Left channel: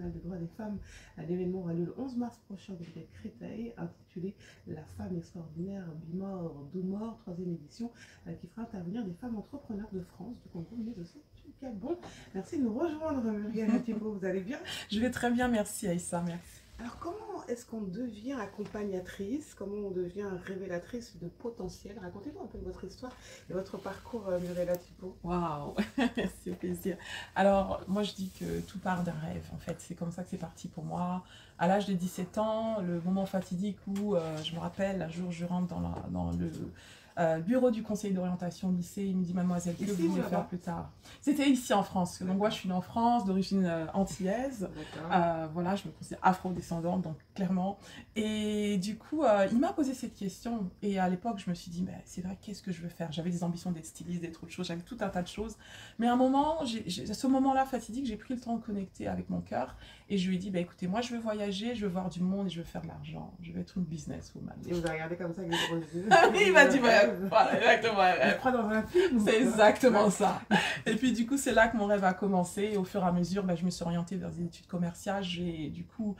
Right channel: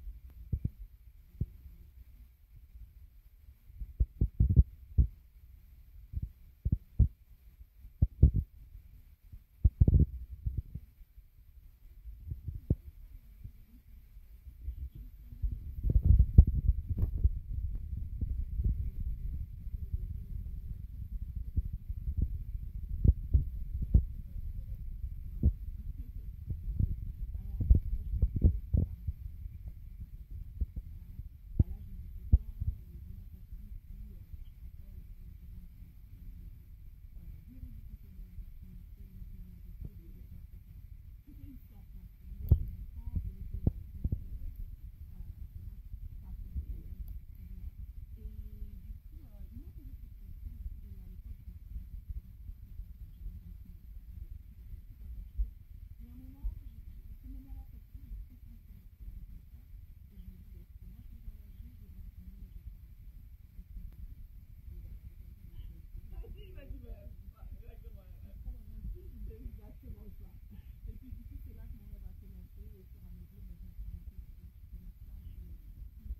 international des droits des femmes. L'événement aura lieu le 11 mars prochain de Créteil, intitulé La femme extraordinaire, Bimor, Doumor, troisième édition, qui fera intervenir des femmes entrepreneurs de France, du Congo, mais aussi du Gabon. Merci de nous rejoindre, Muriel Thibault. Vous allez bien? Je vais très bien, merci Aïssa, merci. Alors, comment est-ce qu'on devient accompagnatrice? Comment on devient révélatrice de potentiel? Racontez-nous un peu votre histoire et votre parcours, Muriel Thibault. Waouh, merci, au plaisir. Alors, moi je dis que tout part d'un rêve, en fait. C'est comme ça que c'est parti pour moi. À l'âge de 17 ans, le moment fatidique où, je me rappelle, un jour je rentre dans le bureau du conseil d'orientation au lycée, il me dit: mademoiselle, que vous voulez faire plus tard? C'était ici en France. Donc moi je suis née en France, d'origine antillaise. Voilà, je me considère afro-descendante, donc clairement. Et du coup, il m'a posé cette question. Et à l'époque, je me suis dit: mais c'est vrai, qu'est-ce que je veux faire? J'avais des ambitions d'être styliste, d'être autre chose, j'avais tout un tas de choses. Mais à un moment, à ce moment-là fatidique, j'ai pris le temps de connecter avec mon cœur. Et je lui ai dit: bah, écoutez, moi je veux voyager, je veux voir du monde et je veux faire de l'argent. Je veux être une businesswoman. Et vous avez regardé comme ça avec les gros yeux. Oui, il m'a dit: voilà, exactement. Je crois dans un film. C'est exactement ça. Et puis du coup, c'est là que mon rêve a commencé. Et au fur et à mesure, je me suis orientée vers des études commerciales. Du coup,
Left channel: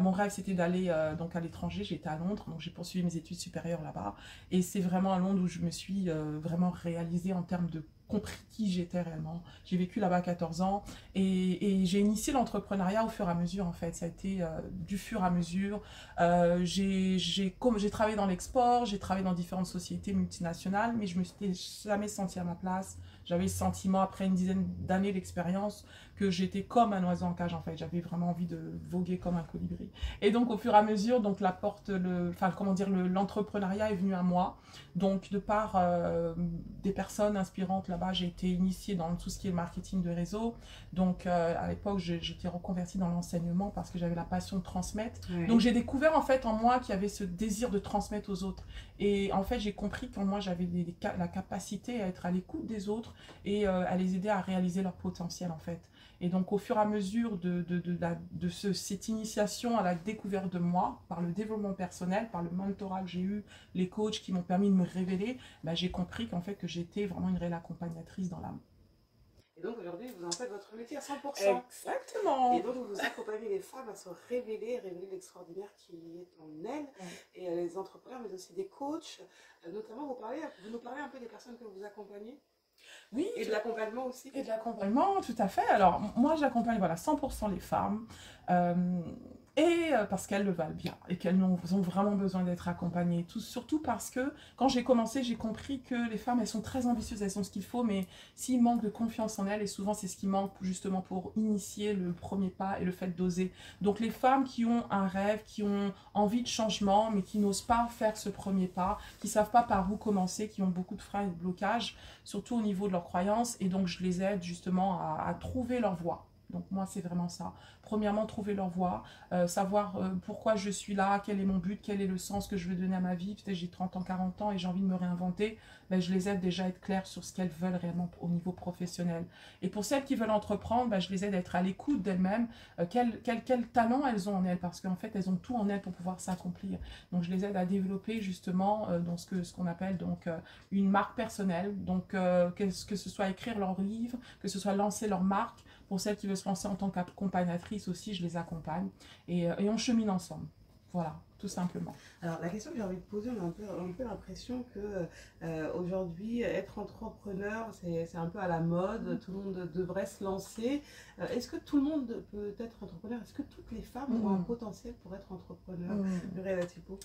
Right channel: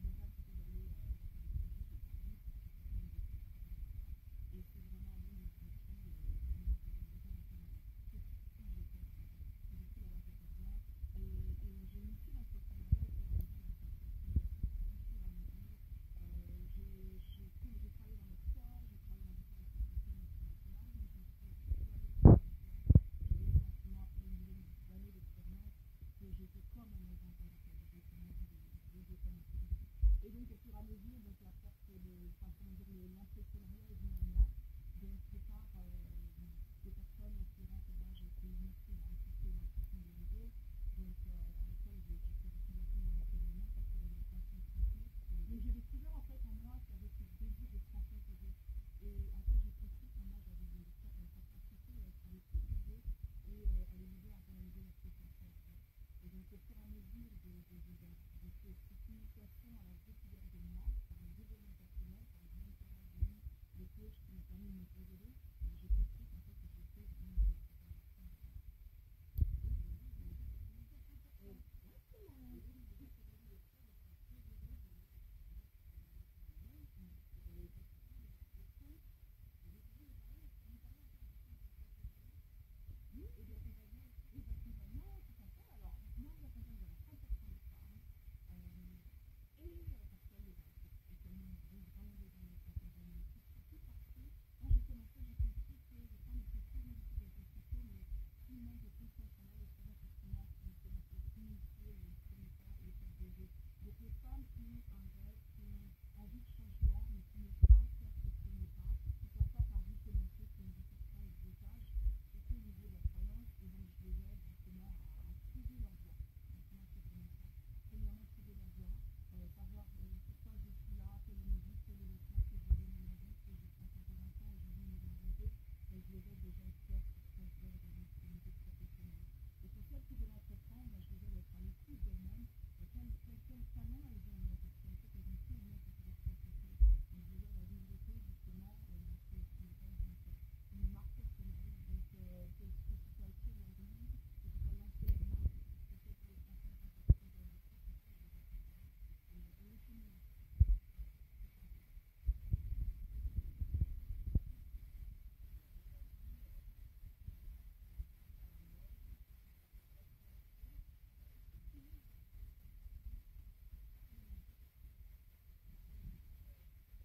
mon rêve, c'était d'aller donc à l'étranger. J'étais à Londres, donc j'ai poursuivi mes études supérieures là-bas. Et c'est vraiment à Londres où je me suis vraiment réalisée en termes de compris qui j'étais réellement. J'ai vécu là-bas 14 ans et j'ai initié l'entrepreneuriat au fur et à mesure, en fait. Ça a été du fur et à mesure. J'ai travaillé dans l'export, j'ai travaillé dans différentes sociétés multinationales, mais je me suis jamais sentie à ma place. J'avais le sentiment, après une dizaine d'années d'expérience, que j'étais comme un oiseau en cage, en fait. J'avais vraiment envie de voguer comme un colibri. Et donc, au fur et à mesure, donc, l'entrepreneuriat est venu à moi. Donc, de par des personnes inspirantes là-bas, j'ai été initiée dans tout ce qui est marketing de réseau. Donc, à l'époque, j'étais reconvertie dans l'enseignement parce que j'avais la passion de transmettre. Oui. Donc, j'ai découvert, en fait, en moi qu'il y avait ce désir de transmettre aux autres. Et en fait, j'ai compris qu'en moi, j'avais la capacité à être à l'écoute des autres et à les aider à réaliser leur potentiel, en fait. Et donc, au fur et à mesure cette initiation à la découverte de moi, par le développement personnel, par le mentorat que j'ai eu, les coachs qui m'ont permis de me révéler, j'ai compris qu'en fait, que j'étais vraiment une réelle accompagnatrice dans l'âme. Et donc, aujourd'hui, vous en faites votre métier à 100%. Exactement. Et donc, vous accompagnez les femmes à se révéler l'extraordinaire qui est en elles, et les entrepreneurs, mais aussi des coachs. Notamment, vous nous parlez un peu des personnes que vous accompagnez? Oui. Et de l'accompagnement aussi. Et de l'accompagnement, tout à fait. Alors, moi, j'accompagne 100% les femmes. Parce qu'elles le valent bien et qu'elles ont vraiment besoin d'être accompagnées. Surtout parce que quand j'ai commencé, j'ai compris que les femmes, elles sont très ambitieuses, elles ont ce qu'il faut, mais s'il manque de confiance en elles, et souvent c'est ce qui manque justement pour initier le premier pas et le fait d'oser. Donc les femmes qui ont un rêve, qui ont envie de changement, mais qui n'osent pas faire ce premier pas, qui ne savent pas par où commencer, qui ont beaucoup de freins et de blocages, surtout au niveau de leurs croyances, et donc je les aide justement à trouver leur voie. Donc moi, c'est vraiment ça. Premièrement, trouver leur voie, savoir pourquoi je suis là, quel est mon but, quel est le sens que je veux donner à ma vie. Peut-être j'ai 30 ans, 40 ans et j'ai envie de me réinventer. Je les aide déjà à être claires sur ce qu'elles veulent réellement au niveau professionnel. Et pour celles qui veulent entreprendre, je les aide à être à l'écoute d'elles-mêmes, quel talent elles ont en elles, parce qu'en fait, elles ont tout en elles pour pouvoir s'accomplir. Donc, je les aide à développer justement dans ce qu'on appelle donc une marque personnelle. Donc, que ce soit écrire leur livre, que ce soit lancer leur marque. Pour celles qui veulent se lancer en tant qu'accompagnatrice aussi, je les accompagne et on chemine ensemble. Voilà, tout simplement. Alors, la question que j'ai envie de poser, on a un peu l'impression que aujourd'hui, être entrepreneur, c'est un peu à la mode, tout le monde devrait se lancer. Est-ce que tout le monde peut être entrepreneur? Est-ce que toutes les femmes ont un potentiel pour être entrepreneur? Muriel Thibault.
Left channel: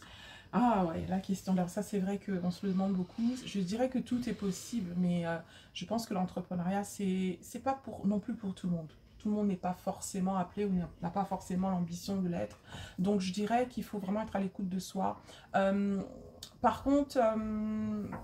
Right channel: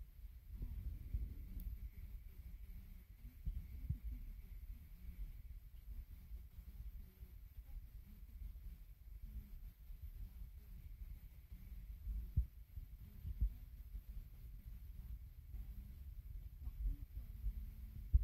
Ah ouais, la question. Alors ça, c'est vrai qu'on se le demande beaucoup. Je dirais que tout est possible, mais je pense que l'entrepreneuriat, c'est pas non plus pour tout le monde. Tout le monde n'est pas forcément appelé ou n'a pas forcément l'ambition de l'être. Donc je dirais qu'il faut vraiment être à l'écoute de soi. Par contre,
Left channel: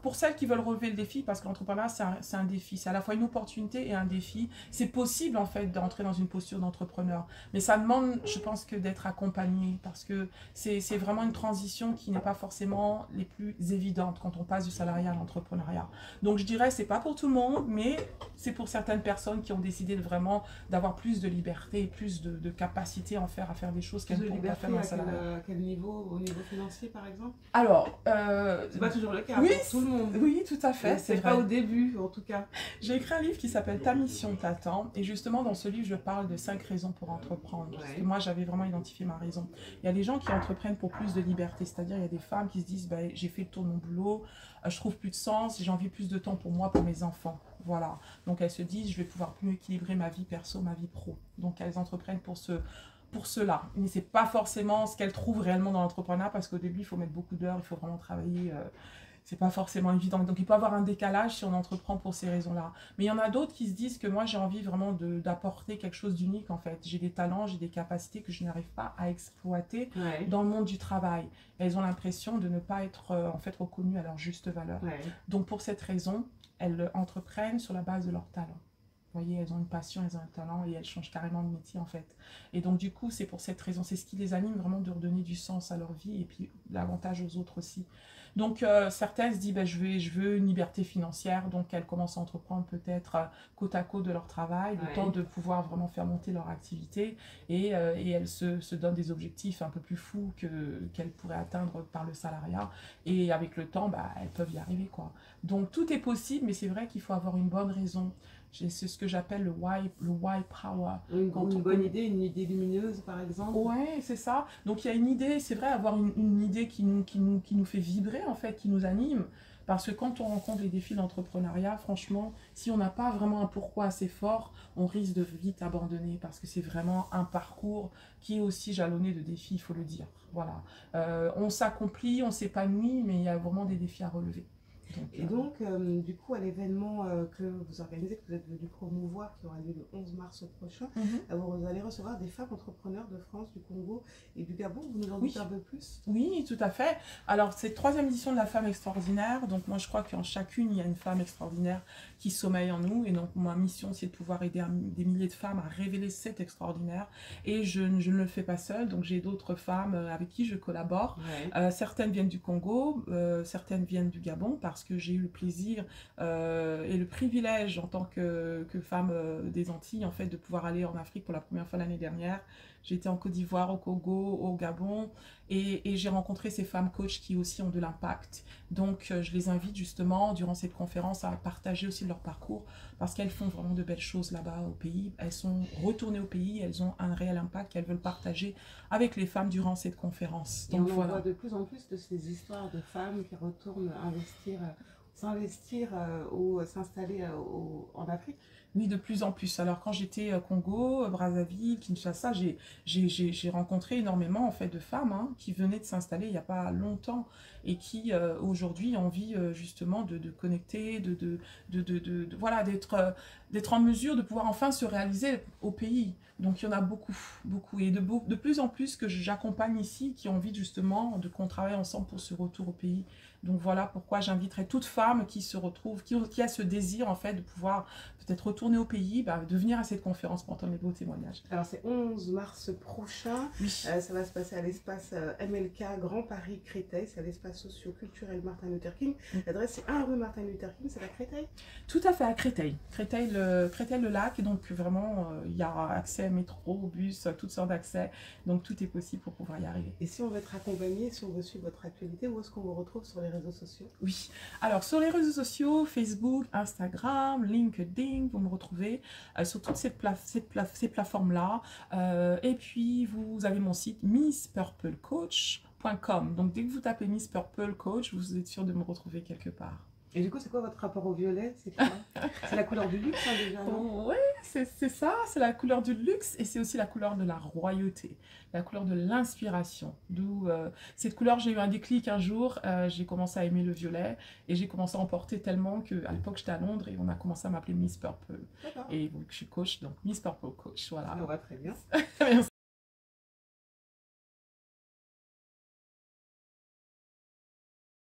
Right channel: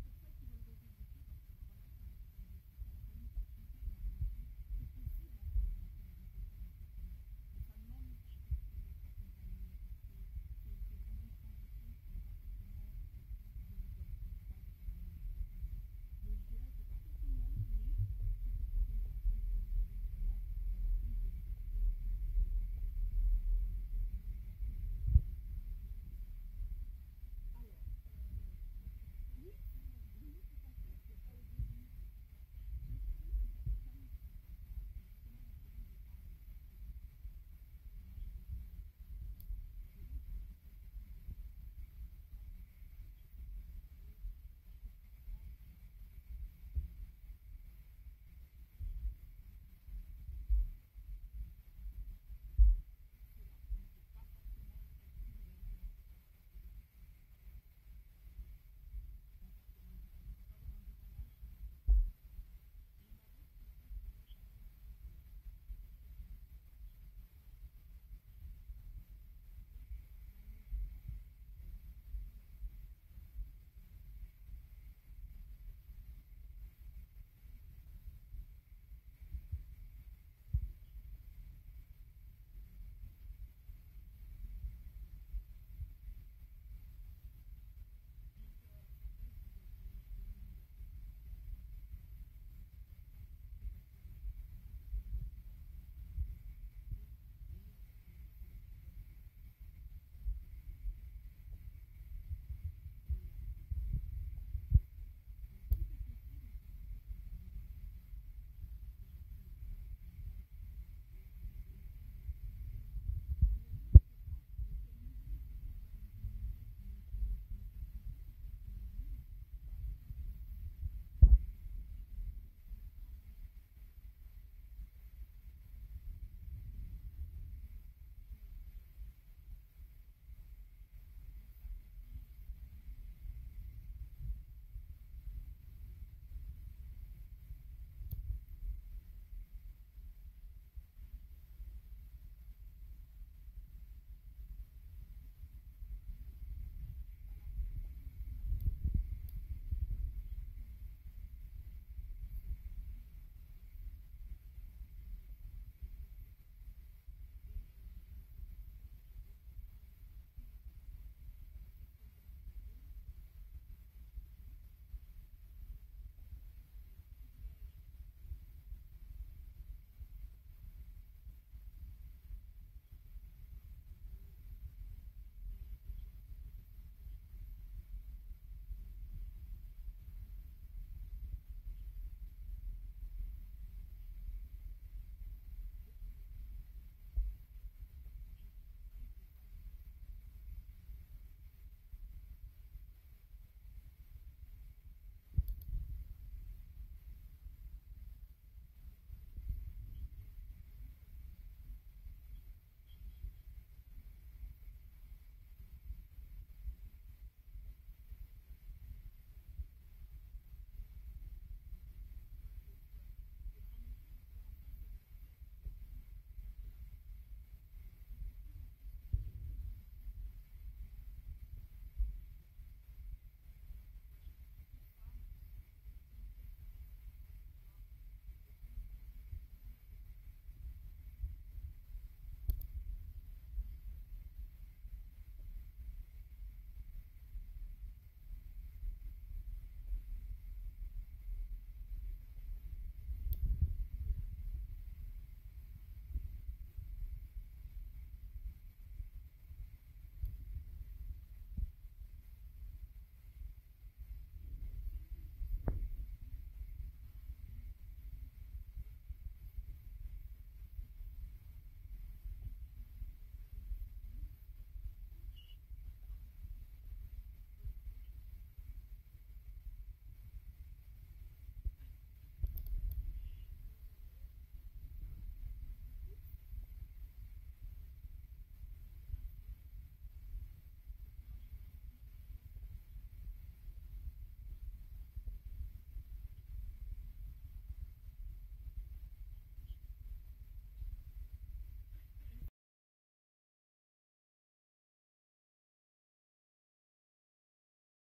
pour celles qui veulent relever le défi, parce que l'entrepreneuriat, c'est un défi, c'est à la fois une opportunité et un défi. C'est possible, en fait, d'entrer dans une posture d'entrepreneur. Mais ça demande, je pense, que d'être accompagné, parce que c'est vraiment une transition qui n'est pas forcément les plus évidentes quand on passe du salariat à l'entrepreneuriat. Donc, je dirais, c'est pas pour tout le monde, mais c'est pour certaines personnes qui ont décidé vraiment d'avoir plus de liberté et plus de capacité à faire des choses qu'elles ne pourront pas faire dans le salariat. À quel niveau? Au niveau financier, par exemple? Alors, C'est pas toujours le cas oui, pour tout le monde. Oui, tout à fait, c'est pas vrai. au début, en tout cas. J'ai écrit un livre qui s'appelle Ta mission t'attend, et justement dans ce livre je parle de 5 raisons pour entreprendre, parce que moi j'avais vraiment identifié ma raison. Il y a des gens qui entreprennent pour plus de liberté, c'est-à-dire il y a des femmes qui se disent j'ai fait le tour de mon boulot, je trouve plus de sens, j'ai envie plus de temps pour moi, pour mes enfants, voilà. Donc elles se disent je vais pouvoir mieux équilibrer ma vie perso, ma vie pro. Donc elles entreprennent pour cela. Mais c'est pas forcément ce qu'elles trouvent réellement dans l'entrepreneuriat, parce qu'au début il faut mettre beaucoup d'heures, il faut vraiment travailler. C'est pas forcément évident. Donc il peut y avoir un décalage si on entreprend pour ces raisons-là. Mais il y en a d'autres qui se disent que moi j'ai envie vraiment d'apporter quelque chose d'unique en fait. J'ai des talents, j'ai des capacités que je n'arrive pas à exploiter dans le monde du travail. Et elles ont l'impression de ne pas être en fait reconnues à leur juste valeur. Donc pour cette raison, elles entreprennent sur la base de leurs talents. Vous voyez, elles ont une passion, elles ont un talent et elles changent carrément de métier en fait. Et donc du coup, c'est pour cette raison, c'est ce qui les anime vraiment, de redonner du sens à leur vie et puis l'avantage aux autres aussi. Donc certaines se disent je veux une liberté financière, donc elles commencent à entreprendre peut-être côte à côte de leur travail, le temps de pouvoir vraiment faire monter leur activité, et elles se donnent des objectifs un peu plus fous qu'elles pourraient atteindre par le salariat, et avec le temps elles peuvent y arriver quoi. Donc tout est possible, mais c'est vrai qu'il faut avoir une bonne raison. C'est ce que j'appelle le why power. Une bonne idée, une idée lumineuse par exemple. Ouais, c'est ça. Donc il y a une idée, c'est vrai, avoir une idée qui nous fait vibrer en fait, qui nous anime. Parce que quand on rencontre les défis de l'entrepreneuriat, franchement, si on n'a pas vraiment un pourquoi assez fort, on risque de vite abandonner, parce que c'est vraiment un parcours qui est aussi jalonné de défis, il faut le dire. Voilà. On s'accomplit, on s'épanouit, mais il y a vraiment des défis à relever. Donc, du coup, à l'événement que vous organisez, que vous êtes venu promouvoir, qui aura lieu le 11 mars prochain, vous allez recevoir des femmes entrepreneurs de France, du Congo et du Gabon. Vous nous en dites un peu plus? Oui, tout à fait. Alors, c'est la 3e édition de la femme extraordinaire. Donc, moi, je crois qu'en chacune, il y a une femme extraordinaire qui sommeille en nous. Et donc, ma mission, c'est de pouvoir aider des milliers de femmes à révéler cet extraordinaire. Et je ne le fais pas seule. Donc, j'ai d'autres femmes avec qui je collabore. Certaines viennent du Congo, certaines viennent du Gabon, parce que j'ai eu le plaisir et le privilège en tant que femme des Antilles, en fait, de pouvoir aller en Afrique pour la première fois l'année dernière. J'ai été en Côte d'Ivoire, au Congo, au Gabon, et j'ai rencontré ces femmes coachs qui aussi ont de l'impact. Donc je les invite justement durant cette conférence à partager aussi leur parcours, parce qu'elles font vraiment de belles choses là-bas au pays. Elles sont retournées au pays, elles ont un réel impact qu'elles veulent partager avec les femmes durant cette conférence. Donc on voit de plus en plus de ces histoires de femmes qui retournent s'investir ou s'installer en Afrique. Oui, de plus en plus. Alors quand j'étais au Congo, Brazzaville, Kinshasa, j'ai rencontré énormément en fait de femmes qui venaient de s'installer il n'y a pas longtemps, et qui aujourd'hui ont envie justement de connecter, voilà, d'être en mesure de pouvoir enfin se réaliser au pays. Donc il y en a beaucoup, beaucoup, et de plus en plus que j'accompagne ici, qui ont envie justement qu'on travaille ensemble pour ce retour au pays. Donc voilà pourquoi j'inviterai toute femme qui se retrouve, qui a ce désir en fait de pouvoir peut-être retourner au pays, de venir à cette conférence pour entendre les beaux témoignages. Alors c'est 11 mars prochain, ça va se passer à l'espace MLK Grand Paris Créteil, c'est à l'espace socio-culturel Martin Luther King. L'adresse c'est 1 rue Martin Luther King, c'est à Créteil? Tout à fait, à Créteil. Créteil-le-Lac, et donc vraiment il y a accès métro, bus, toutes sortes d'accès, donc tout est possible pour pouvoir y arriver. Et si on veut être accompagné, si on veut suivre votre actualité, où est-ce qu'on vous retrouve sur les réseaux sociaux? Oui, alors sur les réseaux sociaux, Facebook, Instagram, LinkedIn, vous me retrouvez sur toutes ces plateformes-là. Et puis, vous avez mon site misspurplecoach.com. Donc, dès que vous tapez Miss Purple Coach, vous êtes sûr de me retrouver quelque part. Et du coup, c'est quoi votre rapport au violet? C'est quoi? C'est la couleur du luxe déjà, non? Oui, c'est ça, c'est la couleur du luxe, et c'est aussi la couleur de la royauté, la couleur de l'inspiration. D'où cette couleur, j'ai eu un déclic un jour, j'ai commencé à aimer le violet, et j'ai commencé à en porter tellement qu'à l'époque j'étais à Londres et on a commencé à m'appeler Miss Purple. Et donc je suis coach, donc Miss Purple Coach, voilà. On va très bien. Merci.